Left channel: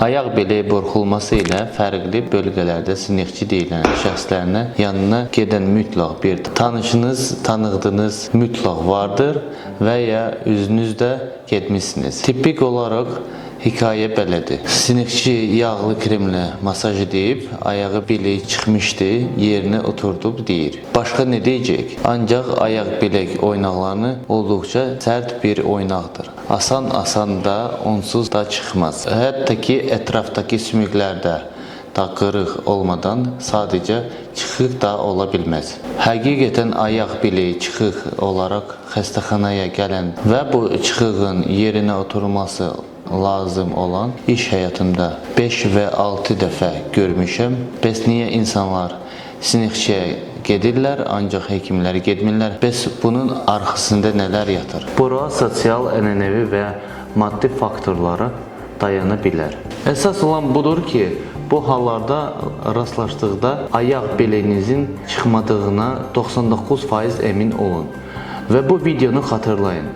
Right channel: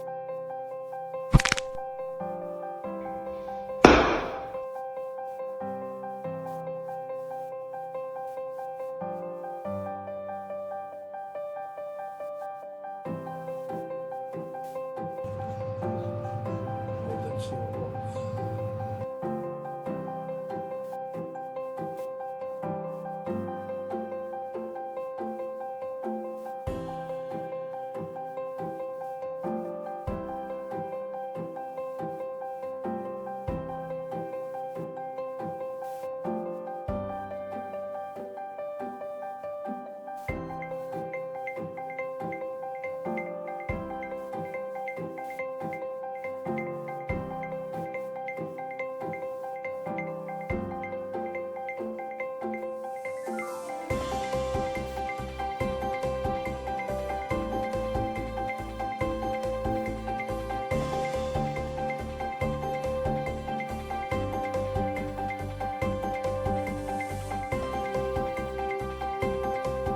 Ayaq bileyi burxulması ilə fərqli bölgələrdə sinixçi deyilən şəxslərinə yanına gedən mütləq bir tanışınız, tanıdığınız mütləq vardır və ya üzünüzdə getmişsiniz. Tipik olaraq hekayə belədir. Sinixçi yağlı kremlə masaj edib, ayağı bileyi çıxmışdı, yerinə oturdub deyir. Başqa nə deyəcək? Ancaq ayaq bilək oynaqlarını olduqca sərt bir oynaqdır. Asan da onsuz da çıxmaz. Hətta ki ətrafdakı sümüklərdə da qırıq olmadan sadəcə çıxıq da ola bilməz. Həqiqətən ayaq bileyi çıxıq olaraq xəstəxanaya gələn və bu çıxığın yerinə oturması lazım olan iş həyatında 5 və 6 dəfə görmüşəm. Bəs niyə insanlar sinixçiyə gedirlər, ancaq həkimlərə getmirlər? Bəs bunun arxasında nələr yatır? Bura sosial, ənənəvi və maddi faktorlara dayana bilər. Əsas olan budur ki, bu hallarda rastlaşdıqda ayaq biləyinizin çıxmadığına 99% əmin olun və bu videonu xatırlayın.